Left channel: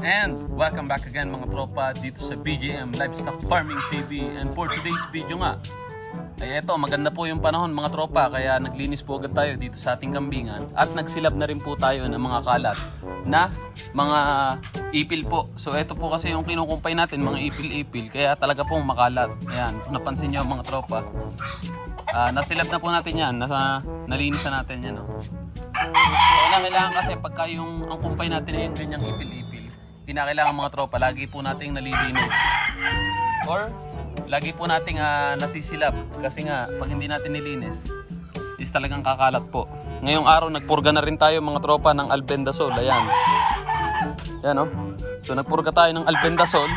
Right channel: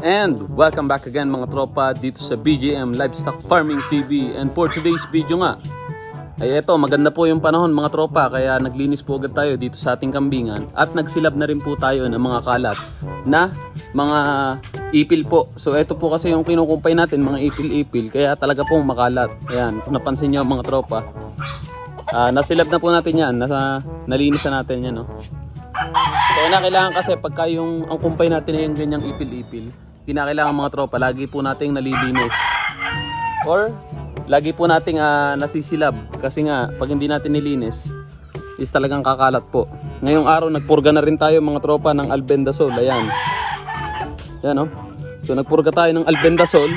And welcome back again mga tropa dito sa BJM Livestock Farming TV. And for today's video nga ay eto, maganda po yung panahon mga tropa, kaya naglinis po agad tayo dito sa ating kambingan. At nagsilab na rin po tayo ng mga kalat na mga ipil po. So eto po kasi yung kinukumpay natin, mga ipil-ipil, kaya talaga pong makalat. Ayan, kung napansin nyo mga tropa, nasilab na po natin yan, nalinis na natin yan, no? So kailangan kasi pagka yung ang kumpay natin na yun ganyang ipil-ipil, kinakailangan mga tropa, lagi po nating nalilinis or lagi po nating nasisilab, kasi nga pag hindi natin nilinis is talagang kakalat po. Ngayong araw nagpurga na rin tayo mga tropa ng albendazole. Ayan, yan, no? So nagpurga tayo ng albendazole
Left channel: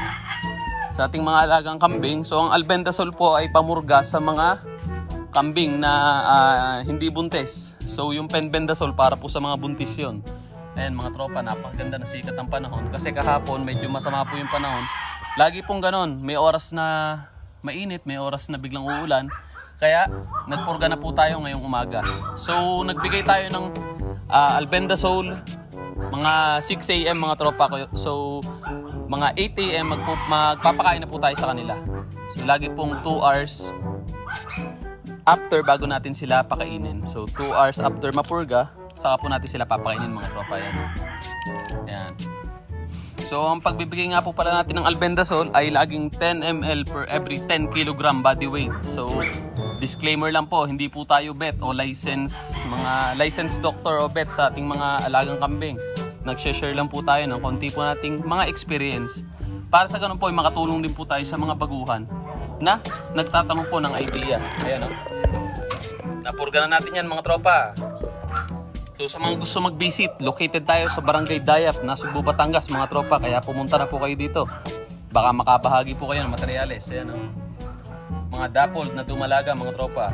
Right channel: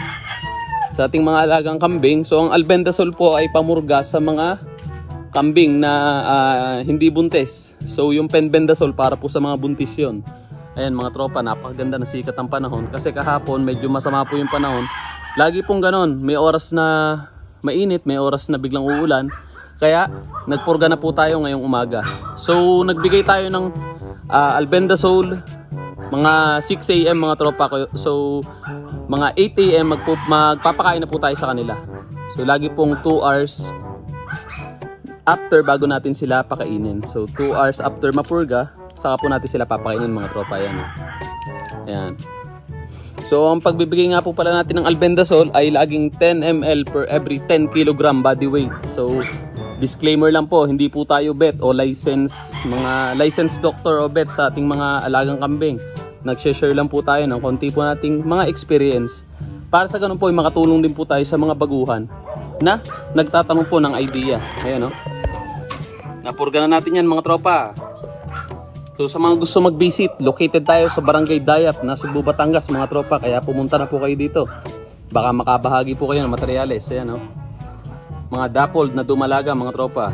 sa ating mga alagang kambing. So ang albendazole po ay pamurga sa mga kambing na hindi buntis. So yung penbendazole para po sa mga buntis yon. Ayan mga tropa, napakaganda na sikat ang panahon. Kasi kahapon medyo masama po yung panahon. Lagi pong ganon, may oras na mainit, may oras na biglang uulan. Kaya nagpurga na po tayo ngayong umaga. So nagbigay tayo ng albendazole mga 6 AM mga tropa ko. So mga 8 AM magpapakain na po tayo sa kanila. So lagi pong 2 hours after bago natin sila pakainin. So 2 hours after mapurga, saka po natin sila papakainin mga tropa. Yan. Ayan. So ang pagbibigay nga po pala natin ng albendazole ay laging 10 ml per every 10 kg body weight. So disclaimer lang po, hindi po tayo vet o mga licensed doctor o vet sa ating mga alagang kambing. Nag-share lang po tayo ng konti po nating mga experience. Para sa ganun po ay makatulong din po tayo sa mga baguhan na nagtatanong po ng idea. Ayan, no? Napurga na natin yan mga tropa. So sa mga gusto mag-visit, located tayo sa Barangay Dayap, Nasugbu, Batangas mga tropa. Kaya pumunta na po kayo dito. Baka makabahagi po kayo ng materyales. Ayan, no? Mga dappled na dumalaga mga tropa.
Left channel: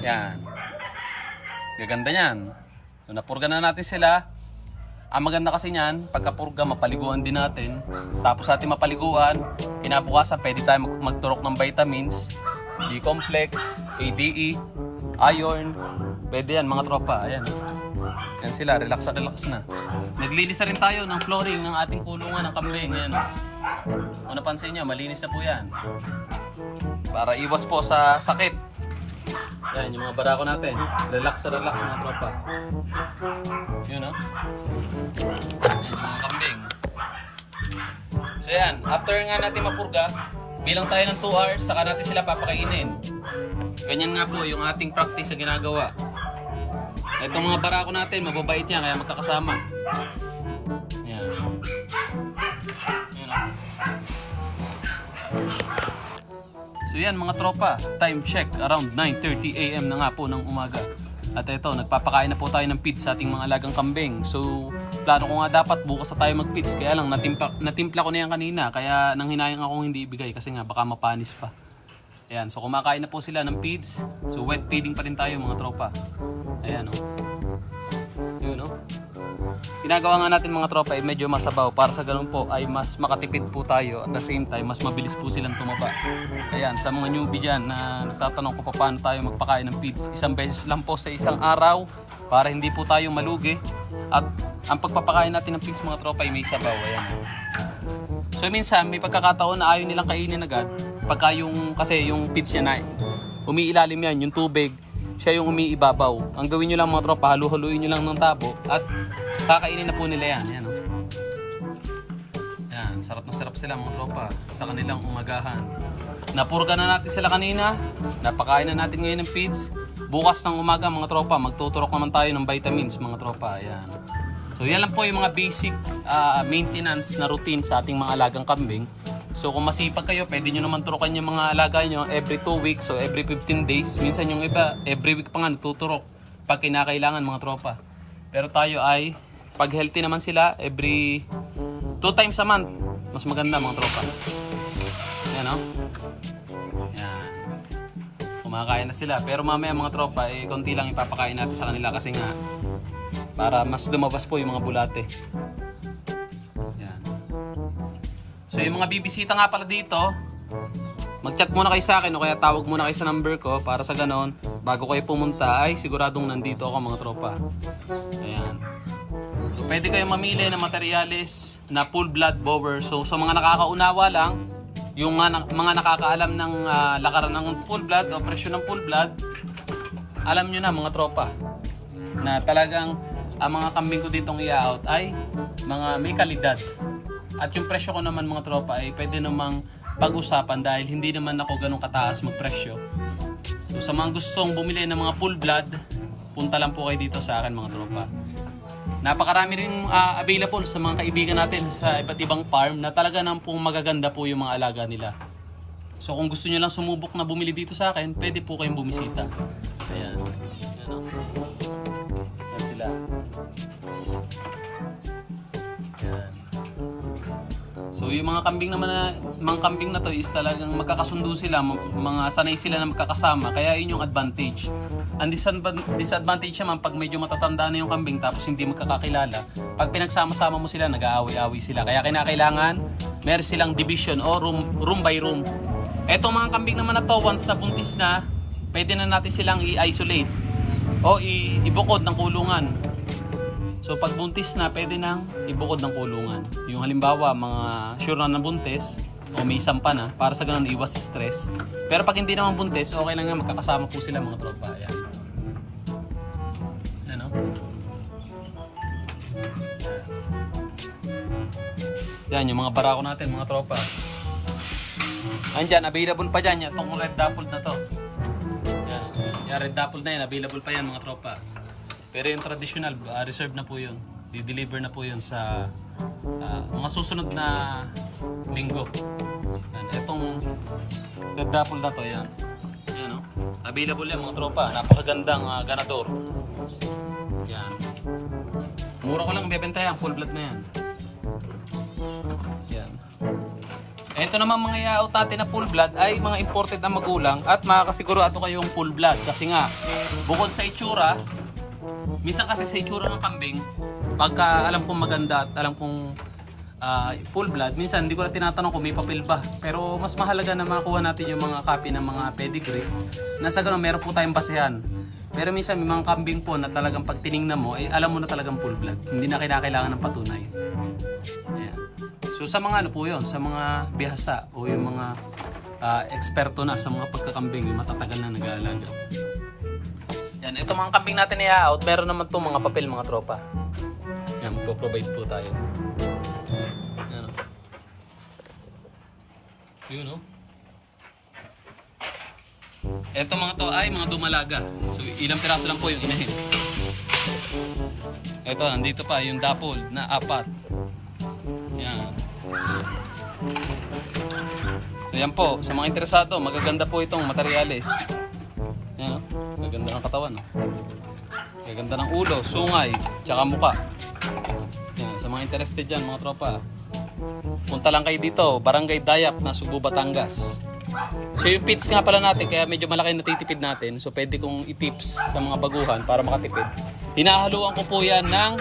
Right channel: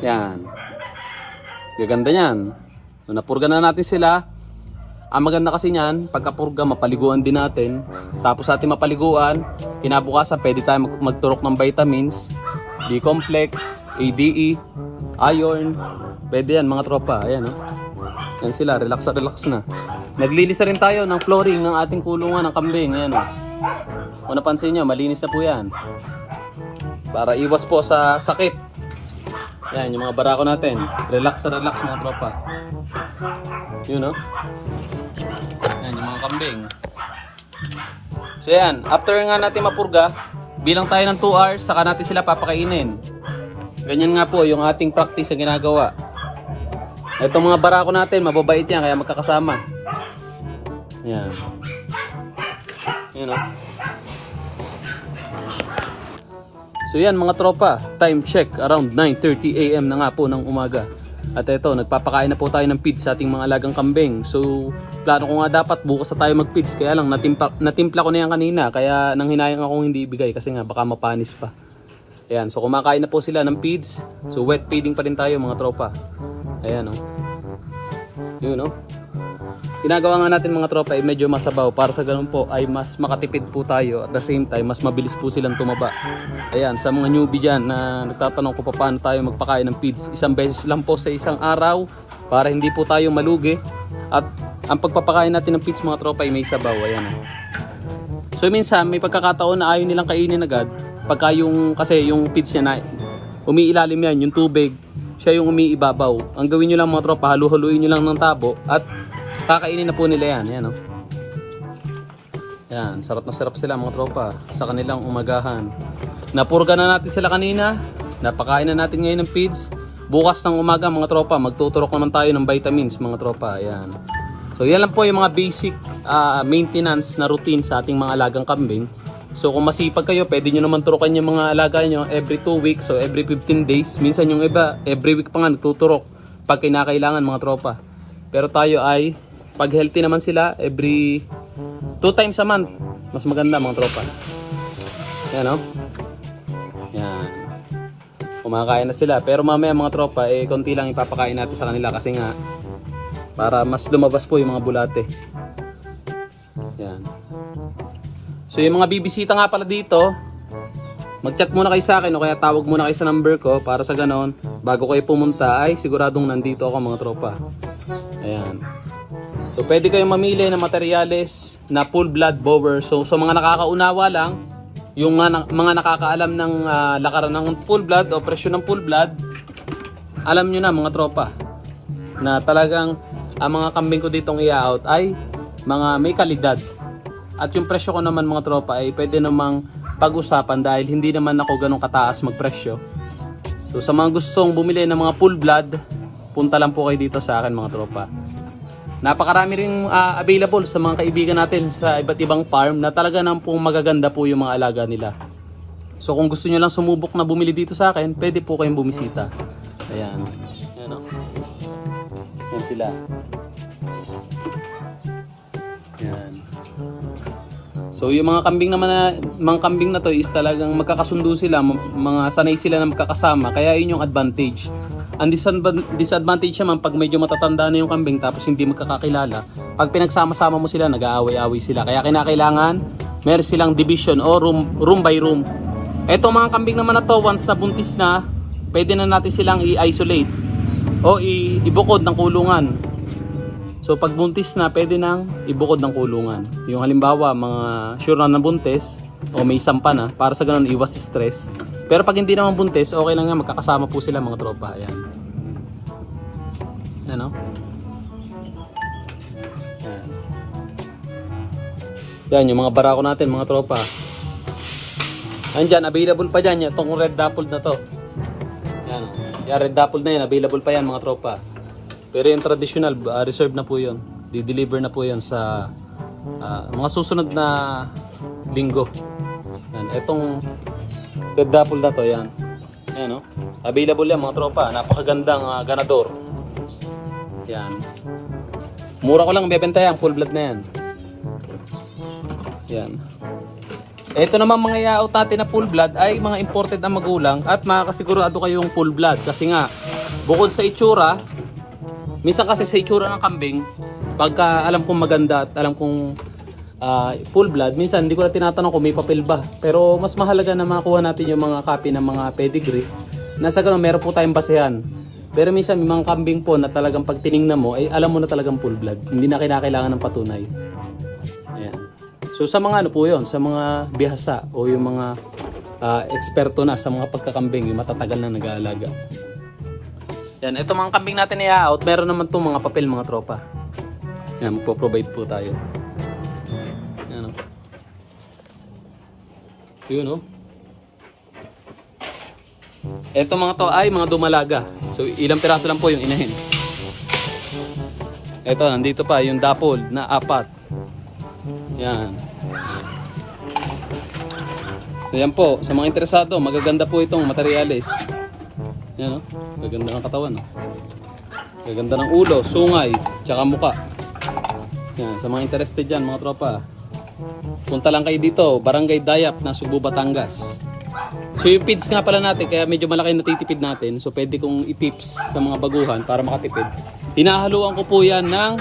Yan. Gaganda yan. So napurga na natin sila. Ang maganda kasi niyan, pagkapurga mapaliguan din natin. Tapos sa ating mapaliguan, kinabukasan pwede tayo magturok ng vitamins, D-complex, ADE, iron. Pwede yan mga tropa. Ayan, no? Yan sila, relax na. Naglilisa rin tayo ng flooring ng ating kulungan ng kambing. Ayan, no? Kung napansin nyo, malinis na po yan. Para iwas po sa sakit. Yan, yung mga barako natin. Relax mga tropa. Yun, no? Yan, yung mga kambing. So yan, after nga natin mapurga, bilang tayo ng 2 hours, saka natin sila papakainin. Ganyan nga po yung ating practice na ginagawa. Itong mga barako natin, mababait yan, kaya magkakasama. Yan. Yan, no? So yan mga tropa, time check around 9:30 AM na nga po ng umaga. At ito, nagpapakain na po tayo ng feeds sa ating mga alagang kambing. So plano ko nga dapat bukas na tayo mag-feeds, kaya lang natimpla ko na yan kanina. Kaya nang hinayang akong hindi ibigay kasi nga baka mapanis pa. Ayan, so kumakain na po sila ng feeds. So wet feeding pa rin tayo mga tropa. Ayan, o. Yun, o. Ginagawa nga natin mga tropa ay medyo masabaw para sa ganun po ay mas makatipid po tayo. At the same time, mas mabilis po silang tumaba. Ayan, sa mga newbie dyan na nagtatanong kung paano tayo magpakain ng feeds, isang beses lang po sa isang araw para hindi po tayo malugi. At ang pagpapakain natin ng feeds mga tropa ay may sabaw. Ayan. So minsan may pagkakataon na ayaw nilang kainin agad. Pagka kasi yung feeds niya na umiilalim yan, yung tubig, siya yung umiibabaw. Ang gawin nyo lang mga tropa, halu-haluin nyo lang ng tabo at kakainin na po nila yan. Yan, no? Yan, sarap na sarap sila mga tropa sa kanilang umagahan. Napurga na natin sila kanina, napakain na natin ngayon ng feeds. Bukas ng umaga mga tropa, magtuturok naman tayo ng vitamins mga tropa. Yan. So yan lang po yung mga basic maintenance na routine sa ating mga alagang kambing. So kung masipag kayo, pwede nyo naman turukan yung mga alaga nyo every 2 weeks o every 15 days. Minsan yung iba, every week pa nga nagtuturok pag kinakailangan mga tropa. Pero tayo ay, pag healthy naman sila, every 2 times a month, mas maganda mga tropa. Yan, no? Yan. Kumakain na sila. Pero mamaya mga tropa, konti lang ipapakain natin sa kanila kasi nga, para mas lumabas po yung mga bulate. Yan. So yung mga bibisita nga pala dito, mag-chat muna kayo sa akin o kaya tawag muna kayo sa number ko para sa ganon, bago kayo pumunta ay siguradong nandito ako mga tropa. Ayan. So pwede kayong mamili ng materyales na full blood bower. So sa mga nakakaunawa lang, yung mga nakakaalam ng lakaran ng full blood o presyo ng full blood, alam nyo na mga tropa na talagang ang mga kambing ko ditong i-out ay mga may kalidad. At yung presyo ko naman mga tropa ay pwede namang pag-usapan dahil hindi naman ako ganun kataas magpresyo. So sa mga gustong bumili ng mga full blood, punta lang po kayo dito sa akin mga tropa. Napakarami rin available sa mga kaibigan natin sa iba't ibang farm na talaga nang pong magaganda po yung mga alaga nila. So kung gusto nyo lang sumubok na bumili dito sa akin, pwede po kayong bumisita. Ayan. Ayan o. Ayan sila. Ayan. So yung mga kambing na to is talagang magkakasundo sila, mga sanay sila na magkakasama, kaya yun yung advantage. Ang disadvantage naman pag medyo matatanda na yung kambing tapos hindi magkakakilala, pag pinagsama-sama mo sila nag-aaway-aaway sila, kaya kinakailangan meron silang division o room by room. Etong mga kambing naman na to, once na buntis na, pwede na natin silang i-isolate o ibukod ng kulungan. So pag buntis na, pwede nang ibukod ng kulungan. Yung halimbawa, mga sure na buntis o may sampa na, para sa ganun iwas stress. Pero pag hindi naman buntis, okay lang yan, magkakasama po sila mga tropa. Ayan. Ayan o. Yan, yung mga barako natin mga tropa. Andyan, available pa dyan. Itong red dappled na to. Yan. Yung red dappled na yan, available pa yan mga tropa. Pero yung traditional, reserve na po yun. Di-deliver na po yun sa mga susunod na linggo. Yan. Itong red dappled na to, yan. Yan, no? Available yan mga tropa. Napakagandang ganador. Yan. Mura ko lang bebenta yan, full blood na yan. Yan. Ito naman mga yaot natin na full blood ay mga imported na magulang at makakasigurado kayong full blood. Kasi nga, bukod sa itsura, minsan kasi sa itsura ng kambing, pagka alam kong maganda at alam kong full blood, minsan hindi ko na tinatanong kung may papel ba. Pero mas mahalaga na makuha natin yung mga copy ng mga pedigree. Nasa ganun, meron po tayong basehan. Pero minsan may mga kambing po na talagang pag tinignan mo, ay alam mo na talagang full blood. Hindi na kinakailangan ng patunay. Ayan. So sa mga ano po yun, sa mga bihasa o yung mga eksperto na sa mga pagkakambing, yung matatagal na nag-aalaga. Yan, ito mga kambing natin na i-out, meron naman po mga papel mga tropa. Yan, po-provide po tayo. Yan o. Yun o. Ito mga to ay mga dumalaga. So ilang piraso lang po yung inahin. Ito, nandito pa yung dappled na 4. Yan. Ayan po, sa mga interesado, magaganda po itong materyales. Yan o, gaganda ng katawan o. Gaganda ng ulo, sungay, tsaka muka. Yan, sa mga interested dyan mga tropa, punta lang kayo dito, Barangay Dayap na Subo, Batangas. So yung feeds nga pala natin, kaya medyo malaki na natitipid natin. So pwede kong i-tips sa mga baguhan para makatipid. Hinahaluan ko po yan ng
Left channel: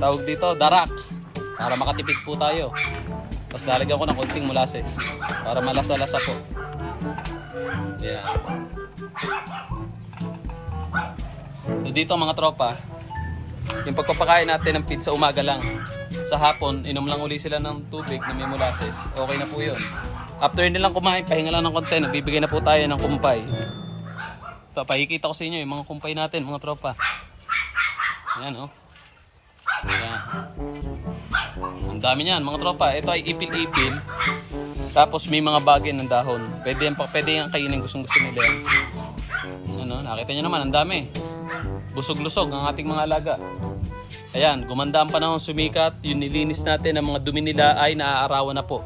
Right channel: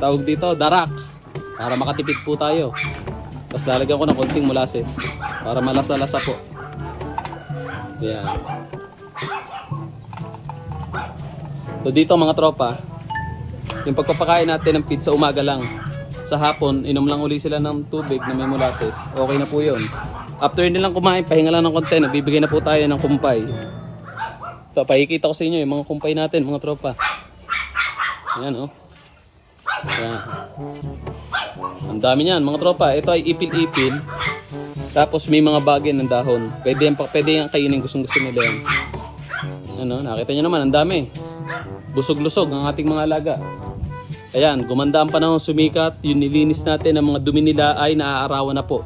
tawag dito, darak. Para makatipid po tayo. Tapos lalagyan ko ng konting molasses para malasa-lasa po. Yan. So dito mga tropa, yung pagpapakain natin ng feed sa umaga lang. Sa hapon, inom lang uli sila ng tubig na may molasses. Okay na po yun. After nilang kumain, pahinga lang ng konti. Nagbibigay na po tayo ng kumpay. Ito, pakikita ko sa inyo yung mga kumpay natin mga tropa. Ayan o. Ayan. Ang dami niyan mga tropa. Ito ay ipil-ipil. Tapos may mga bagay ng dahon. Pwede yan kainin, gustong-gusto nila yan. Ano, nakita nyo naman, ang dami. Busog-lusog ang ating mga alaga. Ayan, gumanda ang panahon, sumikat. Yung nilinis natin, ang mga dumi nila ay naaarawan na po.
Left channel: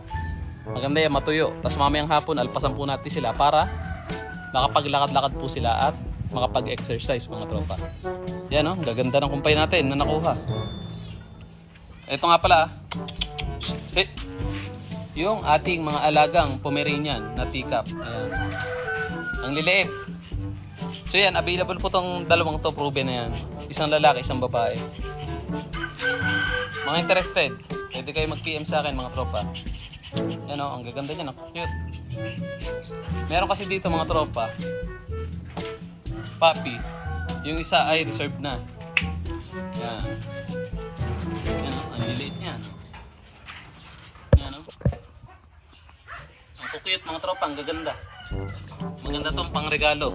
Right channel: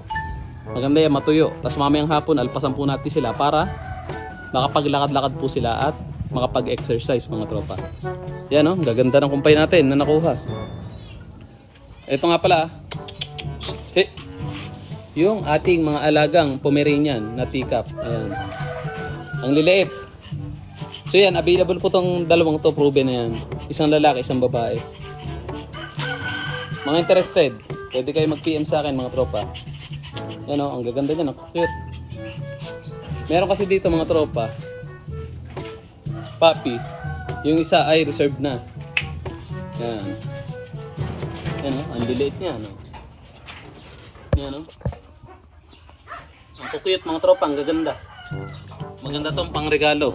Maganda yan, matuyo. Tapos mamayang hapon, alpasan po natin sila para makapaglakad-lakad po sila at makapag-exercise mga tropa. Yan o, gaganda ng kumpay natin na nakuha. Ito nga pala, yung ating mga alagang Pomeranian na teacup. Ayan. Ang liliit. So yan, available po tong dalawang to, proven na yan. Isang lalaki, isang babae. Mga interested, pwede kayo mag-PM sa akin mga tropa. Yan o, ang gaganda niya, cute. Meron kasi dito mga tropa, puppy. Yung isa ay reserved na. Yan. Yan o, ang liliit niya. No? Yan o. Ang kukuyot mga tropa, ang gaganda. Maganda tong pangregalo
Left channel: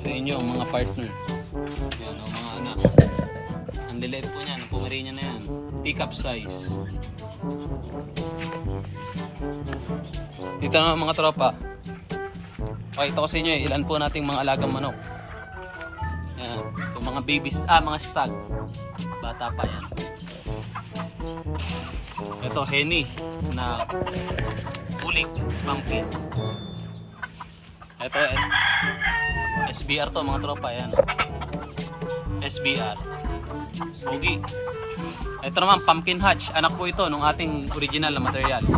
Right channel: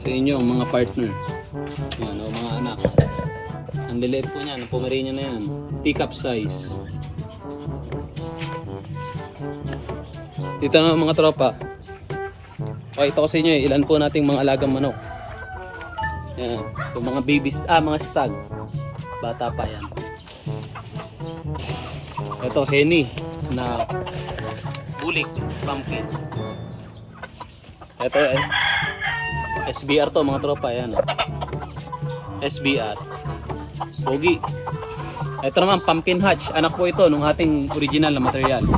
sa inyo mga partner. Yan o, mga anak. Ang liliit po niyan, ang Pomeranian na yan. Pick-up size. Dito na mga tropa. Pakita ko sa inyo ilan po nating mga alagang manok. Yan. Itong mga babies, mga stag. Bata pa yan. Ito, henny na bulik, pumpkin. Ito, SBR to mga tropa. Yan. SBR. Pogi. Ito naman, pumpkin hatch. Anak po ito nung ating original na materials.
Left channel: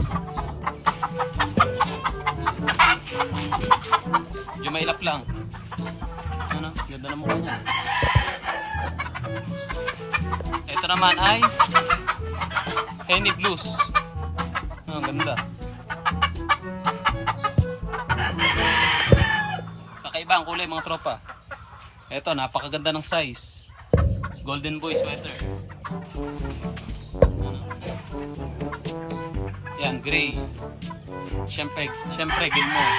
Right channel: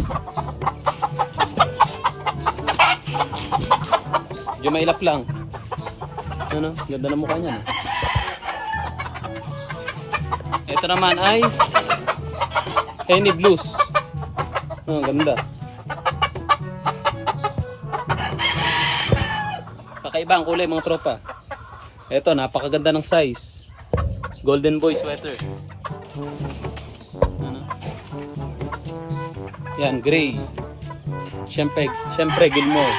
Yung mailap lang. Ano? Ganda na mukha niya. Ito naman ay Henny Blues. Ganda. Kakaiba ang kulay mga tropa. Ito, napakaganda ng size. Golden Boy sweater. Yan, gray. Siyempre Gilmore.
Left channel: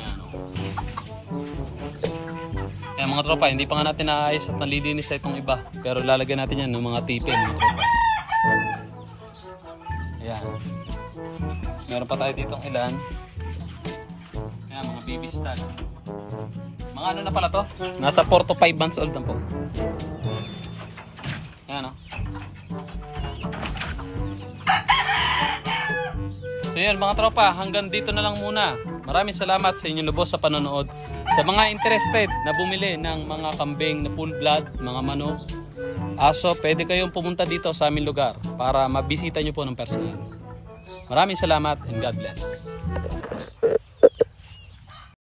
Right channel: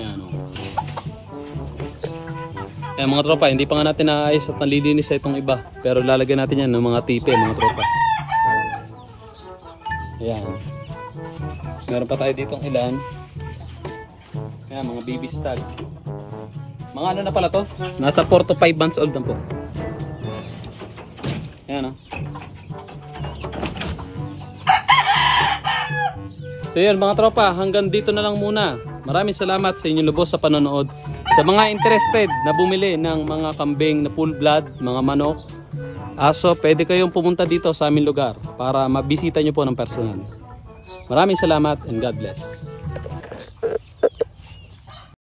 Yan o. Yan mga tropa, hindi pa nga natin naayos at nalilinis sa itong iba. Pero lalagyan natin yan ng mga tipe mga tropa. Yan. Meron pa tayo ditong ilan. Yan, mga baby stag. Mga ano na pala to? Nasa 4 to 5 months old na po. Yan o. So yun mga tropa, hanggang dito na lang muna. Maraming salamat sa inyong lubos sa panonood. Sa mga interested na bumili ng mga kambing na full blood, mga manok, aso, pwede kayong pumunta dito sa aming lugar para mabisita nyo po ng personal. Maraming salamat and God bless.